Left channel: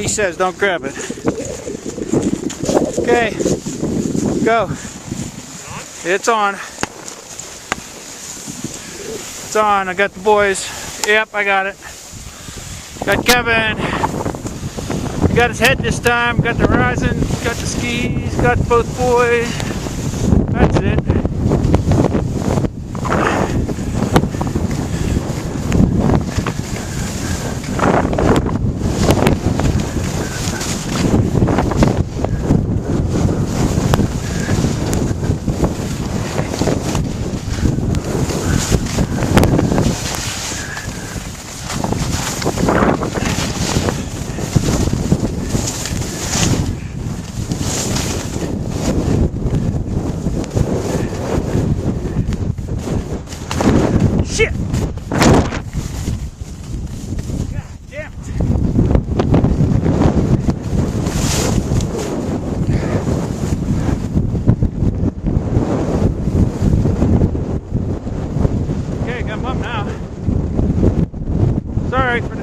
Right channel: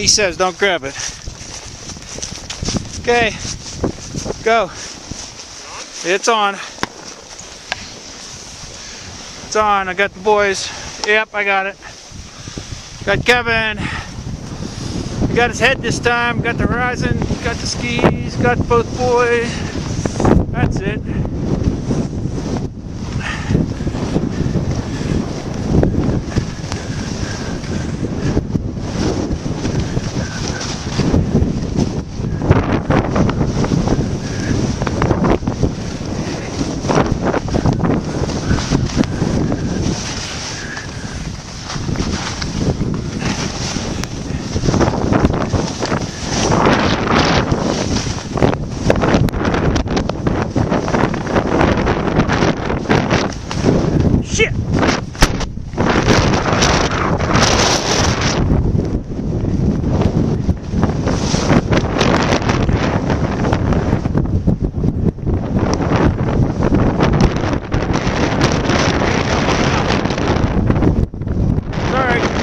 He says don't grab it. Okay, go. It's on. It's on. I got the boys. Yep, I got it. Got Kevin. He got his head this time. Got the horizon. Got the skis. Got both boys. That's it. Shit! Okay, got him up now. It's alright.